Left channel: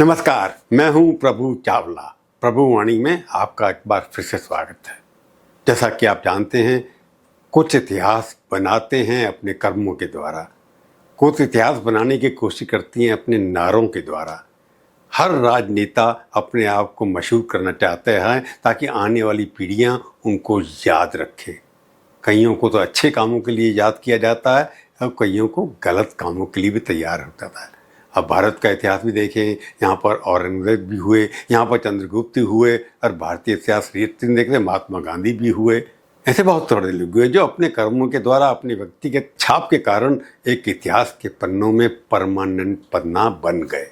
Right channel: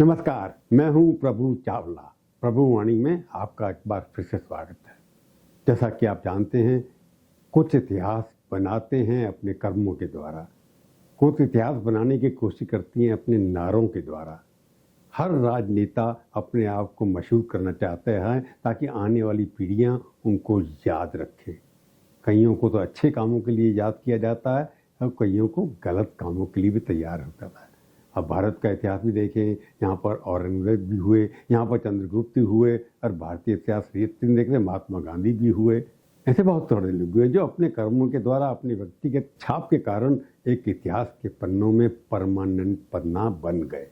नमस्कार, मैं हूं प्रभु चावला। प्रभु वाणी में आपका एक बार फिर से स्वागत है। जैसा कि आप जानते हैं, कुछ इतिहास बनाते हैं अपने कर्मों के द्वारा, कुछ इतिहास बनाने की कोशिश करती हैं अपने नारों के द्वारा। हर राजनेता अपने आप को मशहूर करना चाहते हैं ताकि आने वाली पीढ़ियां उनको याद रखें। कईयों को तो अच्छे कामों के लिए याद किया जाता है और कईयों को गलत कामों के लिए भी तैयार हो जाता है। अब भारत का इतिहास भी देखें, यहाँ पर औरंगजेब भी हुए, यहाँ पर चंद्रगुप्त हुए, और भारतीय इतिहास देख रहे महात्मा गांधी भी हुए। ऐसे बहुत थोड़े लोग हुए जो अपने कर्मों के द्वारा, अपने व्यक्तिगत छाप के कारण एक इतिहास के पन्नों में परमानेंट पन्ना बन गए।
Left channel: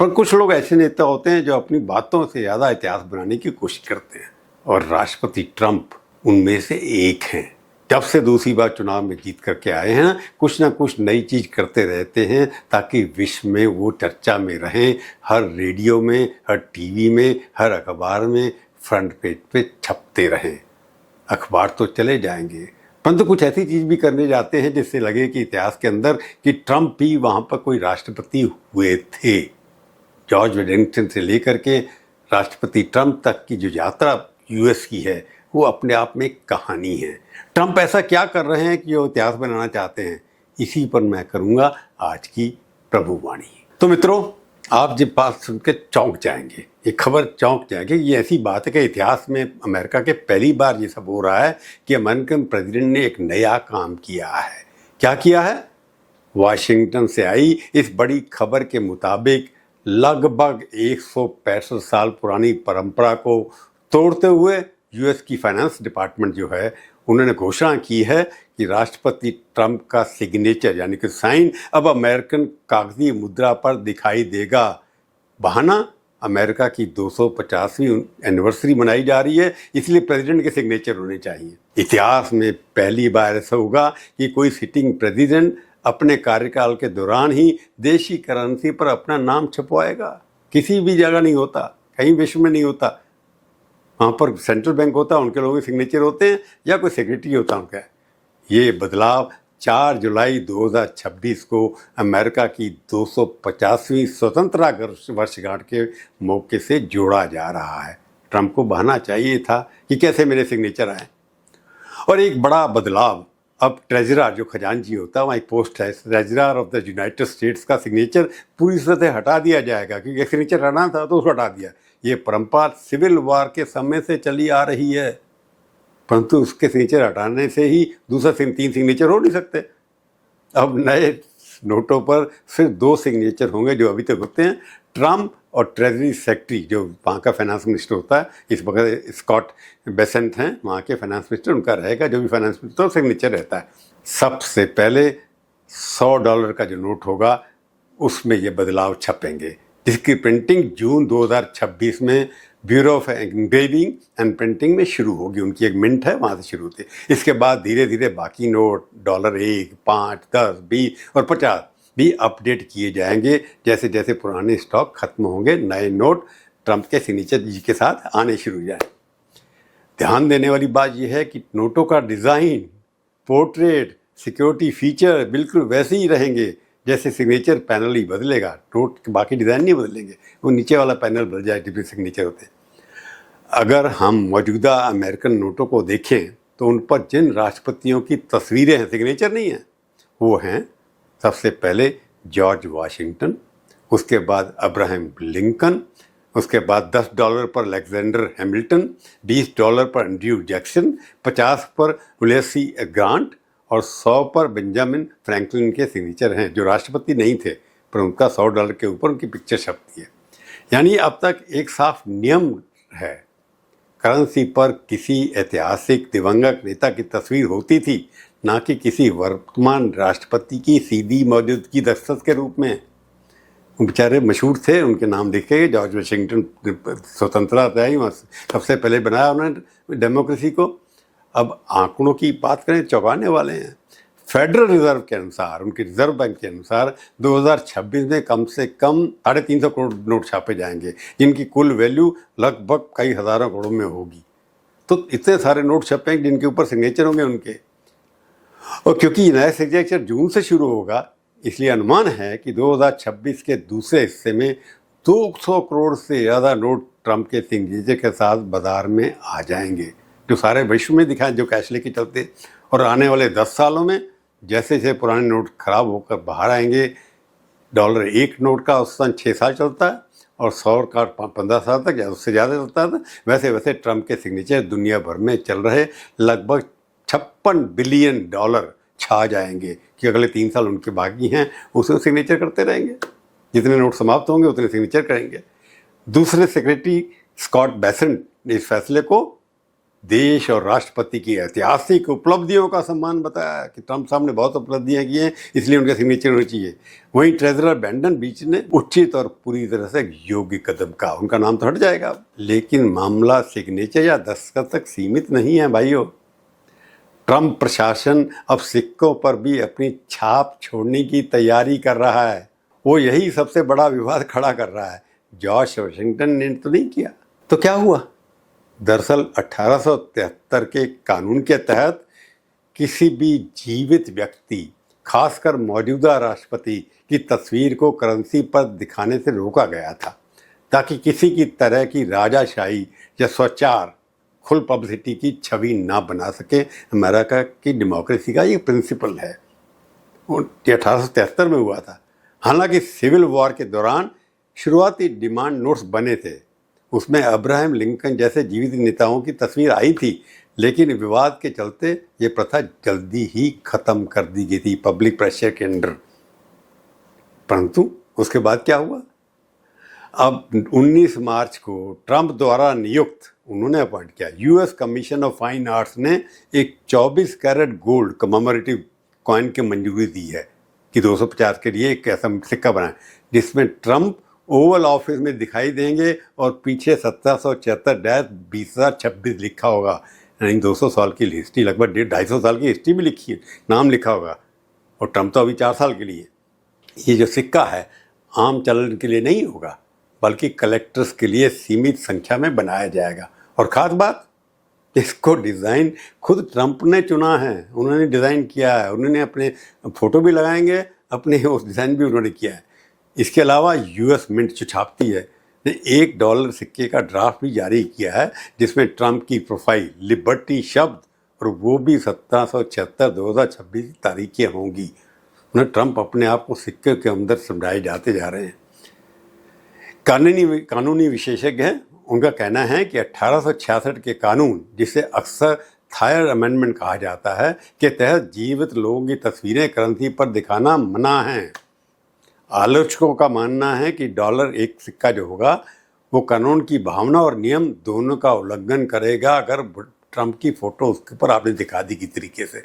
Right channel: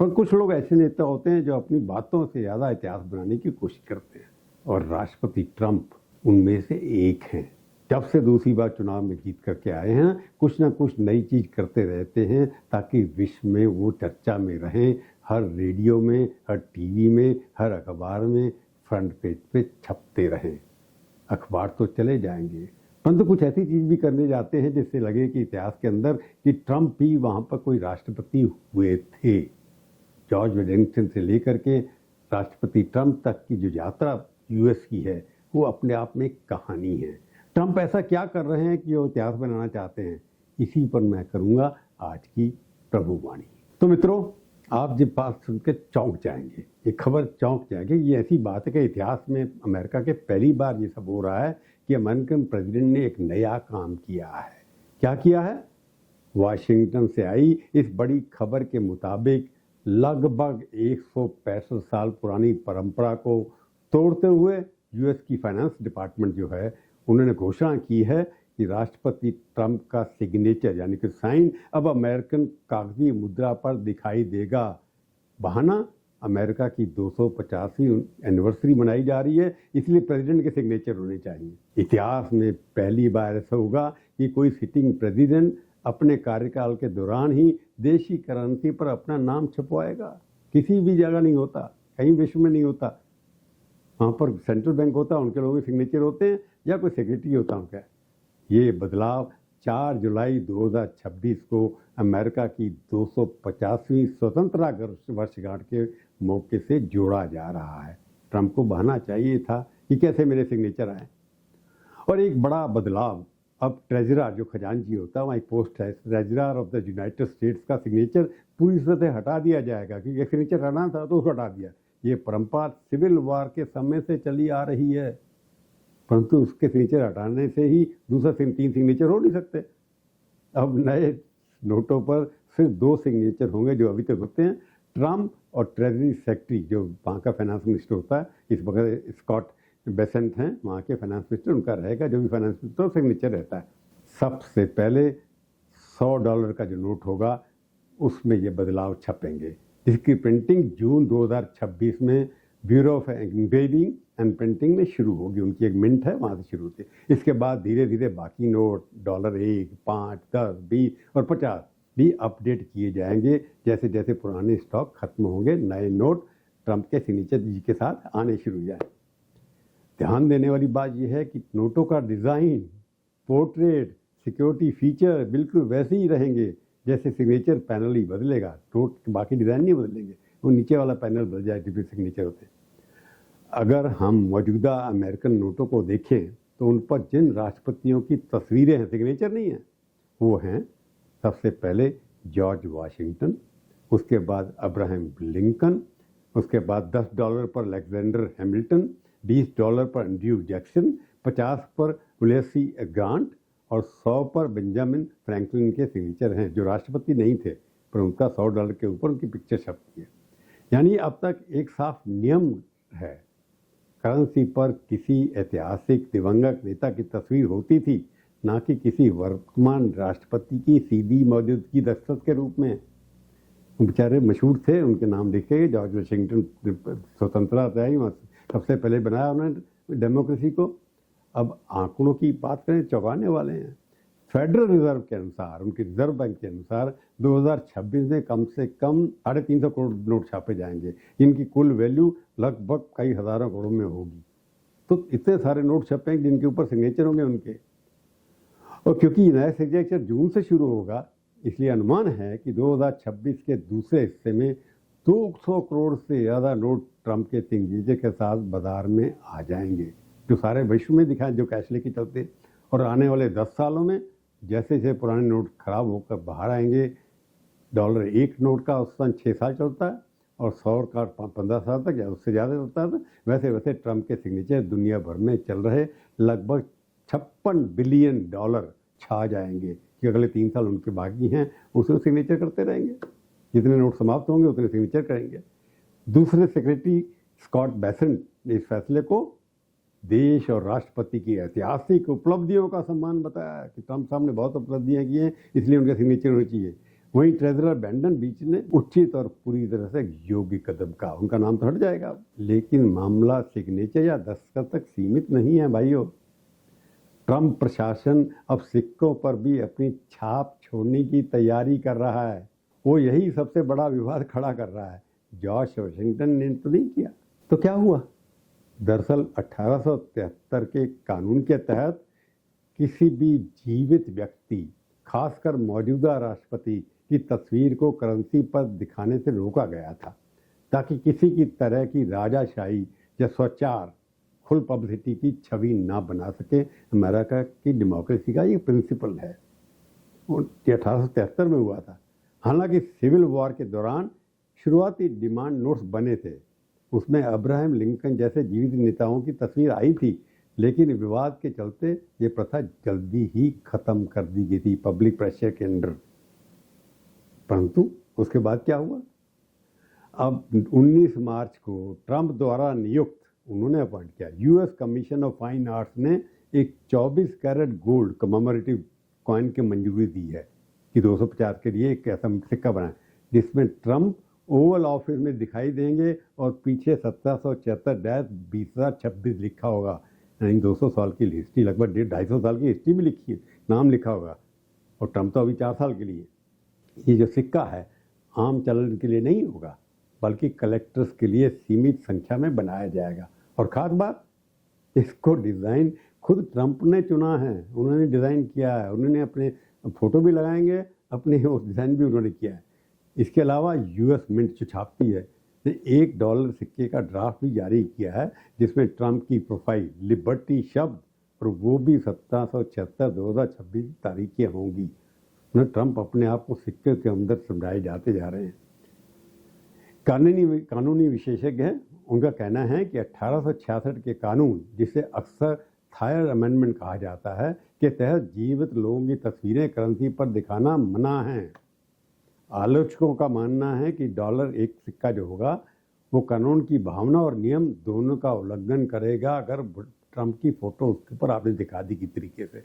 पर कुछ लोग ऐसे नेता होते हैं जो अपनी बातों से ज़्यादा इतिहास बनाने की कोशिश करते हैं, और राष्ट्रपति ट्रंप उनमें से एक हैं। जब से दूसरी बार चुनाव में जीत करके आए हैं, कुछ ना कुछ नई चीज़ करते रहते हैं ताकि विश्व में वो चर्चा में रहें। हर रेडियो में, हर टीवी में, हर अखबार में फ्रंट पेज पे छपते रहें। अखबार तो चले जाएंगे, परंतु कुछ ऐसी चीज़ भी करने जाते हैं जिससे लगे कि इतिहास के अंदर कि ट्रंप भी वहाँ पर कोई राष्ट्रपति हुए थे। जॉर्ज वॉशिंगटन से लेकर के राष्ट्रपति ट्रंप तक की जो यात्रा यूएस की है, वो अपने आप में एक कहानी है। ट्रंप ऐसा क्या कर रहे हैं कि वो इतिहास बनाना चाहते हैं, इसी पर मैं करूँगा आज की प्रभुवाणी। तो मित्रों, आप जब बात सुन के चौंक जाएंगे, ये खबर चौंक जाएंगे। ये ऐसी बात है कि इतिहास में अमेरिका के पहली बार ये सब हो रहा है कि अमेरिकन प्रेसिडेंट ने एक नया काम किया है। क्या किया है? वाशिंगटन से आई इस बड़ी खबर के मुताबिक लगभग 165 साल पुरानी परंपरा को तोड़ते हुए यूएस की फाइनेंस डिपार्टमेंट जो है, उन्होंने घोषणा की है कि राष्ट्रपति ट्रंप का सिग्नेचर यानी कि साइन अब अमेरिकन कागजी मुद्रा पर दिखाई देगा। बहाना, अमेरिका की 250वीं एनिवर्सरी मनाई जा रही है, इसलिए प्रेसिडेंट के सिग्नेचर होने चाहिए। इतिहास में पहली बार ऐसा होगा कि कोई सिटिंग प्रेसिडेंट अपने कार्यकाल के दौरान ही देशी करेंसी पर अपना नाम छपवाएगा। किसी भी जगह नहीं होता, कहीं विश्व में नहीं होता। वहाँ पर सेंट्रल बैंक होता है, उनके लोगों के सिग्नेचर होते हैं, या कोई सेक्रेटरी होता है उनका। ये बदलाव 4 जुलाई 2026 को अमेरिका की 250वीं स्वतंत्रता वर्षगांठ के मौके से जोड़ा जा रहा है। ट्रंप को बहाना चाहिए था कि कैसे मेरे सिग्नेचर आए। और एक बड़ा बदलाव, अब ट्रेजरर जो खजांची होता है, वहाँ एक पोस्ट है, treasurer of the United states का सिग्नेचर पूरी तरह से हटा दिया जाएगा, क्योंकि एक सिग्नेचर हटाना था तो उसको हटा दिया। ये परंपरा सिविल वॉर के समय से चली आ रही है, परंतु उसके सिग्नेचर हटाने से ही दूसरा 3 सिग्नेचर हो नहीं सकते। अब नए नोटों पर सिर्फ 2 सिग्नेचर होंगे जो अभी तक होते हैं। ट्रंप और ट्रेजरी सेक्रेटरी जो वहाँ का फाइनेंस मिनिस्टर होता है, इस वक्त स्कॉट बेसेंट हैं वहाँ के फाइनेंस मिनिस्टर, उनका रहेगा जो भी फाइनेंस मिनिस्टर सिग्नेचर रहता है। सबसे पहले $100 का जो नोट होगा उसमें ये बदलाव छपेंगे, जिसकी प्रिंटिंग जून 2026 में bureau of engraving and printing में शुरू होगी। उनकी एक मिंट है, वहाँ से शुरू होती है। इसके बाद धीरे धीरे बाकी नोट $1, 5, 10, 20 और 50 भी अपडेट किए जाएंगे। जैसे जैसे पुराने स्टॉक खत्म होंगे, नए नोट ट्रंप के सिग्नेचर जी के साथ आने शुरू हो जाए। ध्यान देने वाली बात यह है कि नोटों का डिज़ाइन, पोर्ट्रेट, सिक्योरिटी फीचर बिल्कुल वैसे ही रहेंगे जैसे सिग्नेचर पैनल ही बदलेगा। नोट के बाकी डिज़ाइन नहीं बदलेंगे, वो नीचे वाला पैनल बदल जाए जिसमें सिग्नेचर होते हैं। अगर हम मौजूदा अमेरिकन नोटों को देखें तो उन पर जिन राष्ट्रपतियों की तस्वीरें हैं, सिग्नेचर नहीं हैं, वो हैं सबसे पहले जॉर्ज वाशिंगटन, उसके बाद अब्राहम लिंकन, उसके बाद $10 पर अलेक्जेंडर हैमिल्टन, $20 पर एंड्रयू जैक्सन, 50 पर उलियस ग्रांट और 100 पर बेंजामिन फ्रैंकलिन के सिग्नेचर हैं, जो राष्ट्रपति नहीं थे, पर उनका $100 के ऊपर उनकी पिक्चर छपती है। यानी अब तक एक साफ नियम है, करेंसी पर किसी ऐतिहासिक दिवंगत नेता की तस्वीर होती थी, ना कि किसी वर्तमान राष्ट्रपति की सीधी मौजूदगी दस्तखत के रूप में। वो बेचारे मशहूर थे, उनके नाम लिखे। जॉर्ज वाशिंगटन स्वतंत्रता आई, वहाँ सबसे पहले बनाया उन्होंने डेमोक्रेसी को। अब आंकड़ों की बात करें, चौंकाने वाले हैं। फेडरल रिजर्व के अनुसार, उनके रिजर्व बैंक के अनुसार 2026 में कम से कम 350 करोड़ नोट छापे जाएंगे, जिनकी कुल वैल्यू लगभग कई हज़ारों करोड़ में होगी। तो इतने सारे नोट छपेंगे जिनके ऊपर सिग्नेचर होंगे उनके। और क्योंकि नया सिग्नेचर जून से शुरू होगा, इसलिए अनुमान है कि 2026 के दूसरे हिस्से में 200 करोड़ से ज़्यादा नोट ट्रंप के सिग्नेचर के साथ बाजार में आ जाएंगे, जो सारे विश्व में दिखाएं, जो कैश लेके चलते। और आने वाले 10 सालों में जैसे जैसे पुराने नोट खराब होकर बाहर आएंगे, डॉलर एक नोट का औसतन 6 साल चलता है और 100 का 15 साल तक या उससे ज़्यादा चलता था। वैसे वैसे ट्रंप के सिग्नेचर दुनिया भर में चल रहे लगभग 56 बिलियन डॉलर छा जाएंगे कि अगले 3 साल उनके बाकी हैं, उसमें सिग्नेचर करते रहेंगे। जितने नोट समाप्त होंगे उतने सिग्नेचर करेंगे। दूसरे सेक्रेटरी स्कॉट बेसेंट ने इस फैसले को देश और राष्ट्रपति की ऐतिहासिक उपलब्धियों का सम्मान बताया कि ट्रंप साहब ने बहुत उपलब्धियां की हैं, इसलिए उनके सिग्नेचर होने चाहिए। वहीं ट्रेजरर ब्रैंडन बीच ने उचित और पूरी तरह से योग्य कदम कहा, उनका नाम तो हट जाएगा। लेकिन मामला सिग्नेचर या दस्तखत तक सीमित नहीं है भाइयों। ट्रंप प्रशासन अब सिक्कों पर भी अपनी छाप छोड़ने की तैयारी कर रहा है। वो यही सबसे बड़ा विवाद खड़ा कर रहा है। जॉर्ज वाशिंगटन ने तो नहीं किया, तो क्या हुआ? दरअसल 1873 के कानून के तहत किसी भी जीवित व्यक्ति, खासकर मौजूदा राष्ट्रपति की तस्वीर को करेंसी पर दिखाने से रोका गया था, ताकि किसी की तरह की राजाशाही या स्वचार खुल पब्लिसिटी की छवि ना बना सके। अमेरिका की डेमोक्रेसी का ये प्रिंसिपल है। ये 1873 में हुआ था। हालांकि सिविल वॉर के दौरान शुरुआती डिमांड नोट्स बने थे, उसमें अब्राहम लिंकन जैसे जीवित नेताओं की तस्वीर आई थी, लेकिन विवाद के चलते ये प्रथा जल्दी ही ख़त्म कर दी गई थी पब्लिक प्रेशर के अंडर। परंतु उसके बाद क्या हुआ? अब 19 मार्च को ट्रंप द्वारा नियुक्त, उन्होंने अपॉइंट किया, US commission of fine arts ने एक 24 कैरेट गोल्ड कमेमोरेटिव कॉइन की मंजूरी दी है कि 250 के लिए एक ऐसा सिक्का बनाए जिसमें ट्रंप ओवल ऑफिस में दिखाई देंगे और पीछे 1774-2026 लिखा होगा। यानी 200 साल की हिस्ट्री, लगभग 250 साल की हिस्ट्री भी लिखी है, नाम लिखा होगा। और ट्रंप तो अभी 4 साल के लिए। ये जो सिक्का है आम चलन के लिए नहीं होगा, बल्कि कलेक्टर्स के लिए सीमित संख्या में बनाया जाएगा। और ख़ास बात, इसको डिज़ाइन खुद ट्रंप ने चुना है, उन्होंने डिज़ाइन किया है, उन्होंने अपने फ़ोटो भी लगाएंगे, अपने उस डिज़ाइन भी उन्होंने किया है। इसके अलावा यूएस मिंट जो छापती है ने $1 सिक्के का ड्राफ्ट भी जारी किया है, जिसमें ट्रंप की प्रोफाइल, लिबर्टी शब्द, और वो भी 1776-2026 तारीखें होंगी। उन्हें ट्रंप अपने आप को सिक्के के अंदर समझाए जाते जा रहे हैं। कानूनी विशेषज्ञ हैं, उनका कहना है कि 1866 के कानून, जिसे अक्सर थायर अमेंडमेंट कहा जाता है, के तहत जीवित लोगों की तस्वीरें करेंसी पर दिखाना मना है। आलोचकों का मानना है कि डॉलर एक सिक्का जो होगा वो कानून की भावना और नियम दोनों का उल्लंघन करेगा अगर ट्रंप की फ़ोटो उसके ऊपर आपने दिखा दी किस तरीके से।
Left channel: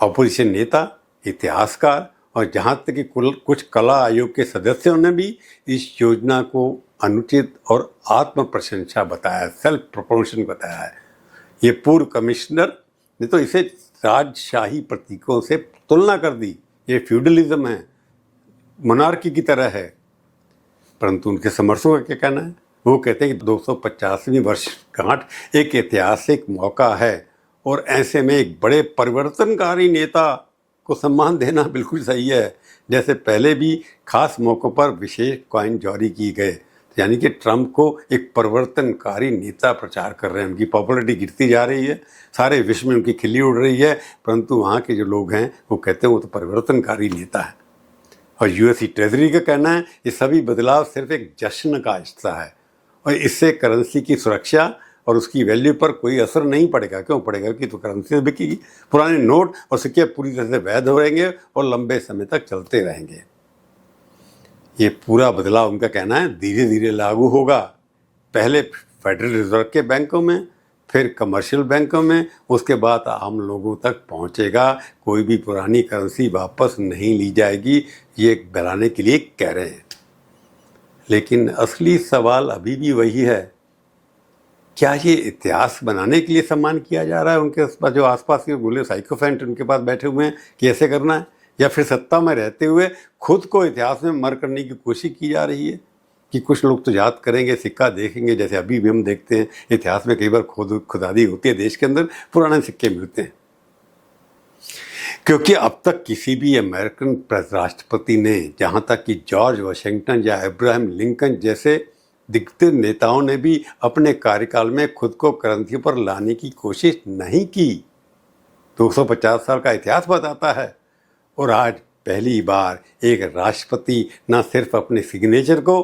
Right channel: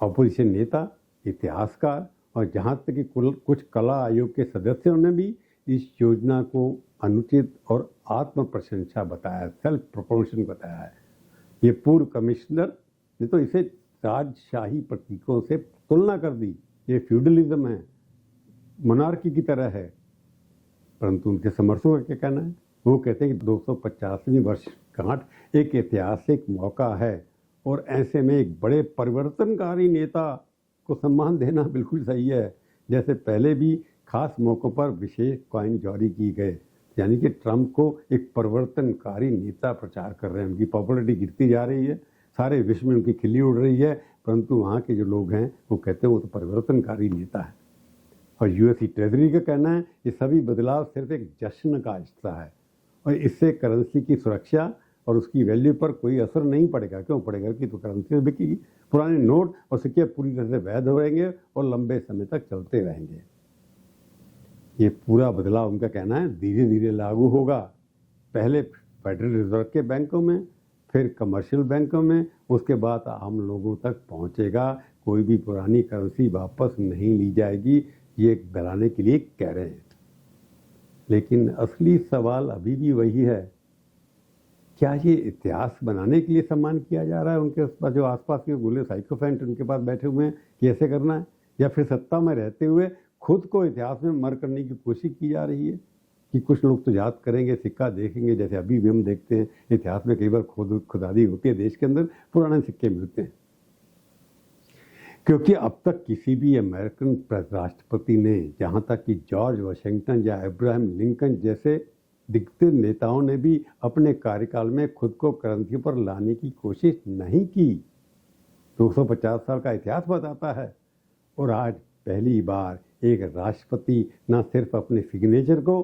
अपोजिशन नेता, इतिहासकार और जहाँ तक कि कुछ कला आयोग के सदस्यों ने भी इस योजना को अनुचित और आत्म प्रशंसा बताया, सेल्फ प्रमोशन बताया है। ये पूर्व कमिश्नर ने तो इसे राजशाही प्रतीकों से तुलना कर दी। ये फ्यूडलिज्म है, मोनार्की की तरह है। परंतु उनके समर्थकों का क्या कहना है? वो कहते हैं कि 250वीं वर्षगांठ एक ऐतिहासिक मौका है और ऐसे में एक बड़े परिवर्तनकारी नेता को सम्मान देना बिल्कुल सही है। जैसे पहले भी खास मौक़ों पर विशेष कॉइन जारी किए गए, यानी कि ट्रंप को एक परिवर्तनकारी नेता प्रचार कर रहे हैं। उनकी पॉपुलरिटी गिरती जा रही है, सारे विश्व में उनकी खिल्ली उड़ रही है, परंतु वहाँ के जो लोग हैं वो कहते हैं वो तो परिवर्तनकारी नेता है। और यूएस ट्रेजरी का कहना है ये सभी बदलाव सिर्फ एक जश्न का हिस्सा है और इससे करेंसी की सुरक्षा और उसकी वैल्यू पर कोई असर नहीं पड़ेगा। क्यों पड़ेगा? कि तो करेंसी बिकेगी, पुराने नोट और सिक्के पूरी तरह से वैध हो रहेंगे और लंबे समय तक चलते रहेंगे। ये पूरा बदलाव, उनका कहना है, धीरे धीरे लागू होगा। पहले फेडरल रिजर्व के बैंकों में, फिर कमर्शियल बैंकों में, उसके बाद आम लोगों तक पहुंचेगा। कोई भी पुरानी करेंसी वापस नहीं ली जाएगी, ये बहलाने के लिए कह रहे हैं। लेकिन असली सवाल अभी भी वही है, क्या ये इतिहास बनाने के लिए सम्मान किया जा रहा है उनके पास, जो आसपास के गोले साइकोफेंट उनके पास बैठे हुए हैं कि ऐसे करना है, या फिर सत्ता में रहते हुए खुद को इतिहास में मर करने की कोशिश की जा रही है कि कुछ लोग तो याद करेंगे, सिक्का देखेंगे, जैसे अभी भी हम देखते हैं इतिहास में कई बार खुदाई होती है देश के अंदर, पुराने सिक्के मिलते हैं। क्योंकि अब तक किसी भी अमेरिकन राष्ट्रपति ने, जहाँ तक कि जॉर्ज वाशिंगटन या अब्राहम लिंकन जैसे दिग्गज नेताओं ने भी अपने कार्यकाल में खुद को क्रांति पर लाने की कोशिश नहीं की। 250 साल का इतिहास बताता है। और आज पहली बार एक राष्ट्रपति न सिर्फ अपने सिग्नेचर को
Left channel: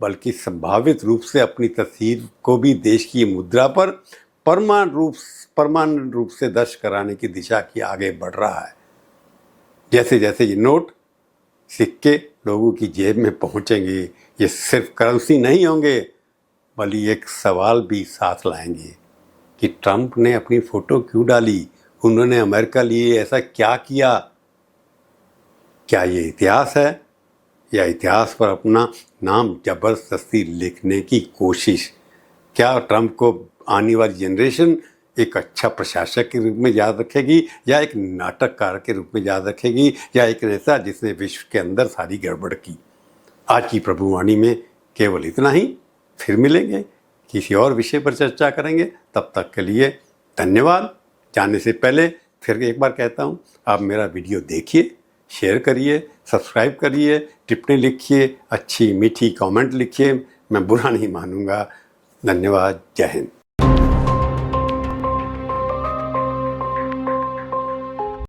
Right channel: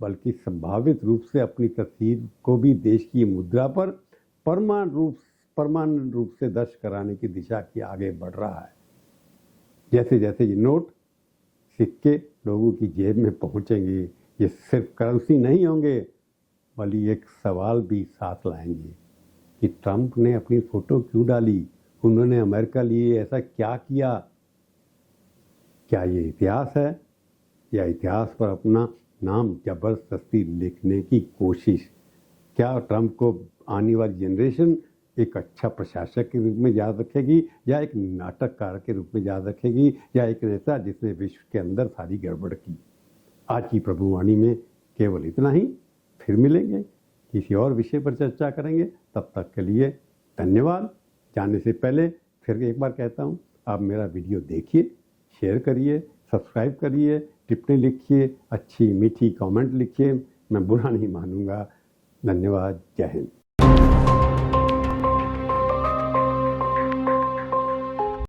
बल्कि संभावित रूप से अपनी तस्वीर को भी देश की मुद्रा पर परमानेंट रूप से दर्ज कराने की दिशा की आगे बढ़ रहा है। जैसे जैसे ये नोट सिक्के लोगों की जेब में पहुंचेंगे, ये सिर्फ करेंसी नहीं होंगे बल्कि एक सवाल भी साथ लाएंगे कि ट्रंप ने अपनी फोटो क्यों डाली, उन्होंने अमेरिका लिए ऐसा क्या किया। क्या ये इतिहास है या इतिहास पर अपना नाम जबरदस्ती लिखने की कोशिश? क्या ट्रंप को आने वाली जनरेशन एक अच्छा प्रशासक के रूप में याद रखेगी या एक नाटककार के रूप में याद रखेगी या एक नेता जिसने विश्व के अंदर सारी गड़बड़ की? आज की प्रभुवाणी में केवल इतना ही। फिर मिलेंगे, किसी और विषय पर चर्चा करेंगे। तब तक के लिए धन्यवाद। जाने से पहले फिर एक बार कहता हूँ, आप मेरा वीडियो देखिए, शेयर करिए, सब्सक्राइब करिए, टिप्पणी लिखिए, अच्छी मीठी कमेंट लिखिए, मैं बुरा नहीं मानूंगा। धन्यवाद। जय हिंद।